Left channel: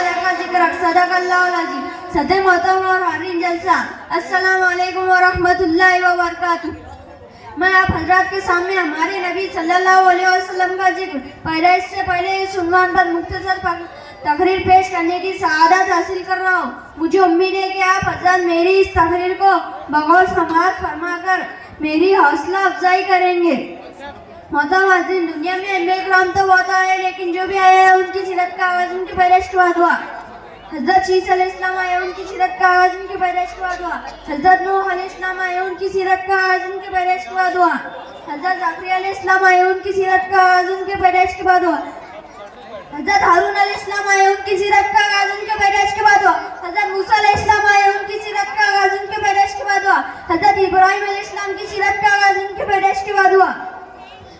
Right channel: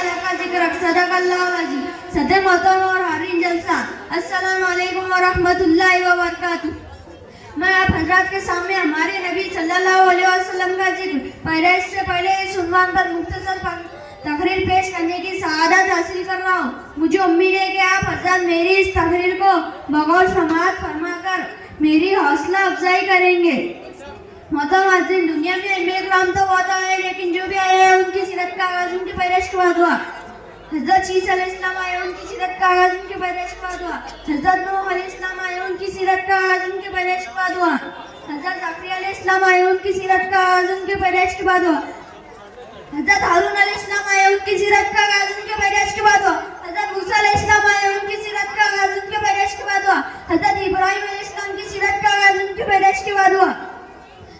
लका ज़िक्रक सदक़ल्लाहुल अज़ीम। सदर मोहतरम और हाज़रीन जलसा, अस्सलामु अलैकुम व रहमतुल्लाहि व बरकातुहू। मैं आप हजरात के सामने हमारे नबी सल्लल्लाहु अलैहि वसल्लम का जिक्र पैदाइश से पहले इस उन्वान पर मुख्तसर तकरीर पेश करने की सआदत हासिल कर रहा हूँ। मुझे उम्मीद है कि आप हजरात मेरी इस तकरीर को बगौर समाअत फरमाकर मेरी हौसला अफजाई करेंगे। मोहतरम हाज़रीन, दुनिया में अम्बिया किराम तो बहुत आए, लेकिन जो भी आए हैं उनकी सीरत का आगाज़ उनकी पैदाइश के बाद हुआ। हज़रत ईसा अलैहिस्सलाम आए, उनकी सीरत का आगाज़ उनकी पैदाइश के बाद हुआ। हज़रत नूह अलैहिस्सलाम आए, उनकी सीरत का आगाज़ उनकी पैदाइश के बाद हुआ। हज़रत ज़करिया अलैहिस्सलाम आए, उनकी सीरत का आगाज़ उनकी पैदाइश के बाद हुआ। हज़रत हारून अलैहिस्सलाम आए, उनकी सीरत का आगाज़ उनके पैदाइश के बाद हुआ। हज़रत मूसा अलैहिस्सलाम आए, उनकी सीरत का आगाज़ उनके पैदाइश के बाद हुआ। हज़रत इब्राहीम अलैहिस्सलाम की सीरत का आगाज़ उनके पैदाइश के बाद हुआ।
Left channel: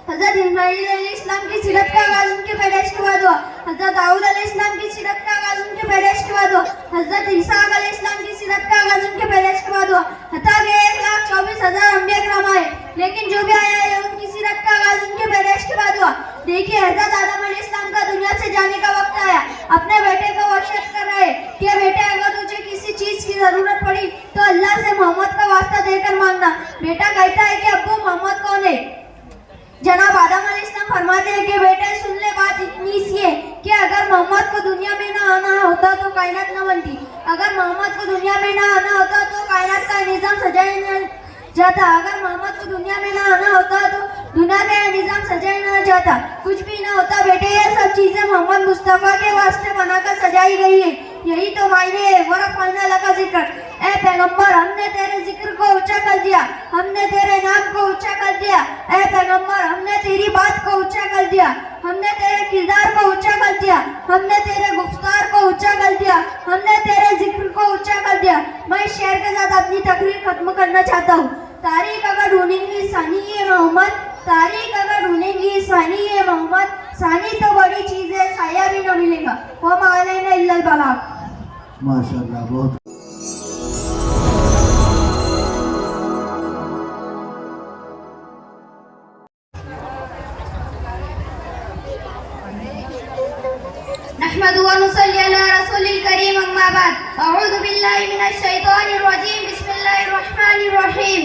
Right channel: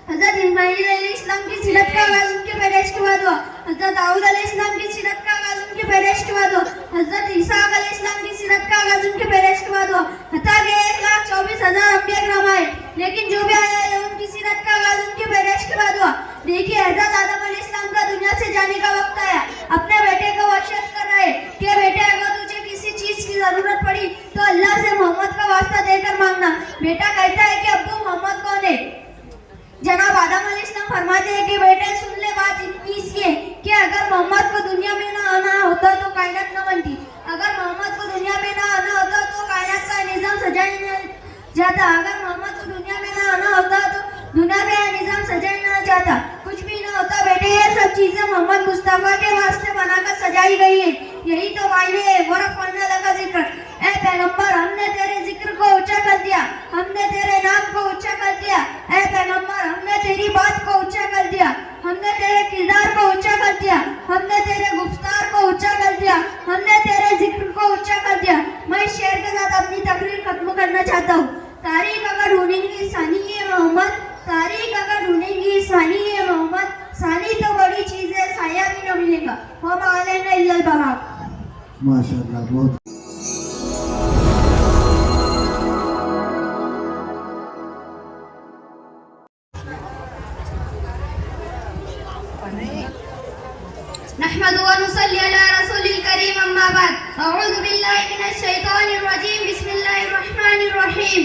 हज़रत इस्माईल अलैहिस्सलाम की सीरत का आगाज़ उनके पैदाइश के बाद हुआ। हज़रत दाऊद अलैहिस्सलाम की सीरत का आगाज़ उनके पैदाइश के बाद हुआ। हज़रत ईसा अलैहिस्सलाम की सीरत का आगाज़ उनके पैदाइश के बाद हुआ। हत्ता कि 1,24,000 अम्बिया किराम आए, लेकिन जो भी आया है उनकी सीरत का आगाज़ उनके पैदाइश के बाद हुआ। देखिए, हज़रत आदम अलैहिस्सलाम का दुनिया से जाने का वक्त आया। अपने बेटे को वसीयत कर रहे कि बेटे, अगर तुझे किसी चीज़ की ज़रूरत पड़ी तो अल्लाह से मोहम्मद का वास्ता देकर मांगना। बेटा कहता है कि अब्बू, मोहम्मद कौन है? जनाब आदम अलैहिस्सलाम फरमाते हैं कि बेटे सुन ले, बात इतनी सी है कि अगर मोहम्मद को दुनिया में ना आना होता तो कायनात ना बनती। अगर मोहम्मद को दुनिया में ना आना होता तो कायनात का निज़ाम सजाया ना जाता। अगर मोहम्मद को दुनिया में ना आना होता तो दुनिया का निज़ाम सजाया ना जाता। कुछ भी ना होता बेटे। ये सब चीज़ें मोहम्मद मुस्तफ़ा के वास्ते बनाकर सजाई गई है। यही तो मायने है वरफ़अना लका ज़िक्रक। ए पैगंबर, हमने तेरे जिक्र को ऊंचा कर दिया, हमने तेरे नाम को ऊंचा कर दिया। ए पैगंबर, हमने तेरी बात को ऊंचा कर दिया, हमने तेरे किरदार को ऊंचा कर दिया, हमने तेरे गुफ्तार को ऊंचा कर दिया, हमने तेरे जिक्र को ऊंचा कर दिया। मैं इस शेर के साथ अपनी तकरीर खत्म करना चाहता हूँ। तारीख अगर ढूंढेंगी सानी है मोहम्मद, तारीख अगर ढूंढेंगी सानी है मोहम्मद, सानी तो बड़ी चीज़ है, साया भी न मिलेगा। वमा अलैना इल्लल बलाग। माशाअल्लाह, बहुत नहमदु व नुसल्ली अला रसूलिल करीम, अम्मा बाद। अऊज़ु बिल्लाहि मिनश शैतानिर रजीम, बिस्मिल्लाहिर रहमानिर रहीम।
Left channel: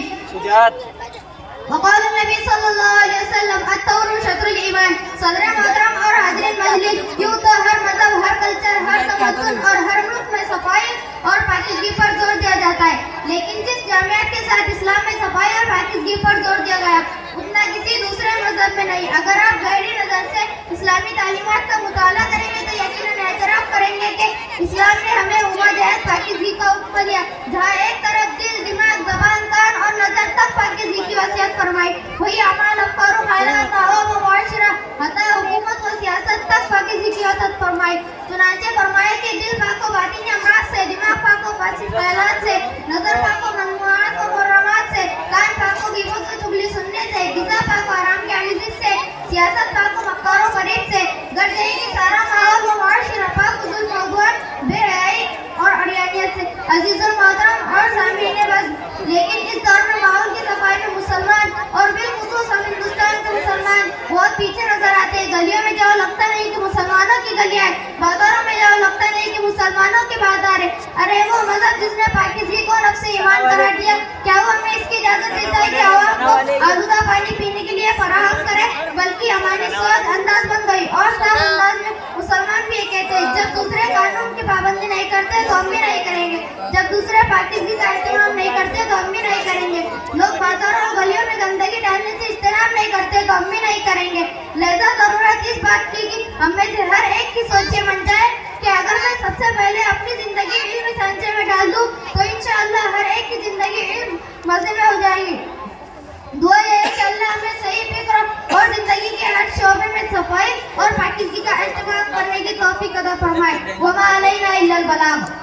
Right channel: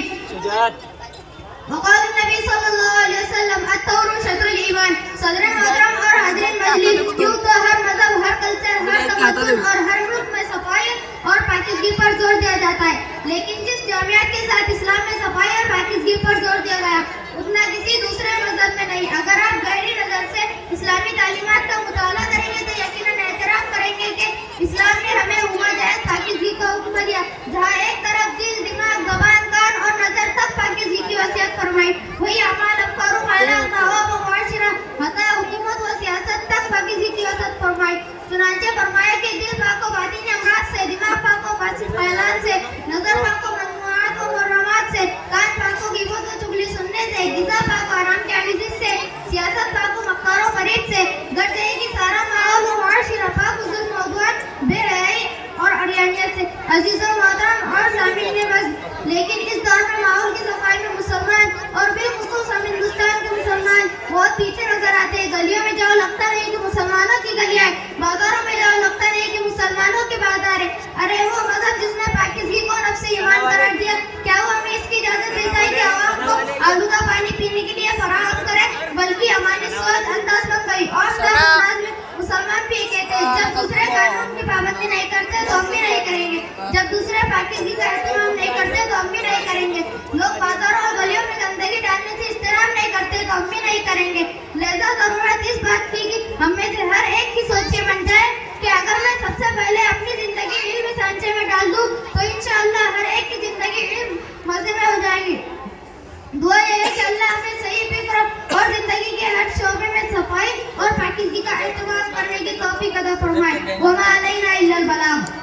वक़ाल नबी सल्लल्लाहु अलैहि वसल्लम, अत्तौरू शत्रुल ईमान। सदर मोहतरम और हाज़रीन मजलिस, यूं तो हर मज़हब, हर कल्चर, हर तमद्दुन और हर मुल्क में सफाई और पाकीज़गी पर जोर दिया जाता है, लेकिन जिस जामियात के साथ इस्लाम में सफाई और पाकीज़गी पर जोर दिया गया उतना किसी दूसरे मज़हब में नहीं। अगर आप गहरी नज़र से इस्लामी तालीमात का मुताला करेंगे तो यकीनन एतराफ़ करेंगे कि इस्लाम ने हमें हुआ जायज़ पाकीज़गी का हुक्म दिया। जहाँ एक तरफ दिल, दिमाग, ज़बान, कान और नज़र तक पाकीज़गी की वसीयत फरमाई, वही अमाल, अफ़कार, हालात, अवाम व मुआशरा, हत्ता हुकूमत व सियासत तक पाकीज़गी की वसीयत फरमाई। चुनांचे फरमाया कि दिल पाक व बातिनी अमराज़ से, दिमाग पाक व फासिद ख्यालात से, नज़र पाक व ममनुआत व मुहर्रमात से, कान पाक व ग़ीबत व चुगली सुनने से, ग़िज़ा पाक व हराम के आजिज़ से, सियासत पाक व मक्कार व फरेब से, गर्ज है कि सारा माहौल व मुआशरा पाक व जुल्म व अदवान, बेहयाई और अड़ियानियत से। अज़ीज़ुल मोहतरम और सामीन बस, लेकिन इस दौर में माहौल की सफाई में मुसलमान और बिलखुसूस हम हिंदुस्तान के मुसलमान बहुत पीछे नजर आते हैं। गलियों में जाओ लगता नहीं कि मुसलमानों की गलियां हैं, बाजारों में जाओ लगता नहीं कि मुसलमानों के बाजार है। अरे वो मजहब जिसने पाकीज़गी को नफ्स ईमान करार दिया, क्या वो हमें इसकी इजाजत देता है कि आवाम को आलूदा पानी पीने के लिए फराहम करे? बल्कि हमारी सोच अंदाज बन गई और सब अंदाज में मुसलमान भी ये कहते हैं, जब दूसरे कानून की पाबंदी नहीं करते तो हम भी नहीं करेंगे, जब दूसरे पाकीज़गी का एहतराम नहीं करते तो हम भी नहीं करेंगे। लोग बाजारों और गलियों में गंदगी डालने से इस्तेराम नहीं करते तो हम भी नहीं करेंगे। लिहाजा ज़रूरत इस बात की कि हम में से हर एक की सोच ये बन जाए कि अगर मैं सबसे पहले अपनी ज़िंदगी इल्म सांचे में डाल दूँ तो इंशाअल्लाह हर एक की ज़िंदगी इल्म मज़े में हो जाएगी। दुआ ये है कि अल्लाह हमें सही फिक्र और ज़िंदगी के हर शोबे में सफाई और पाकीज़गी का एहतमाम करने की तौफीक अता फरमाए। वमा अलैना इल्लल बलाग।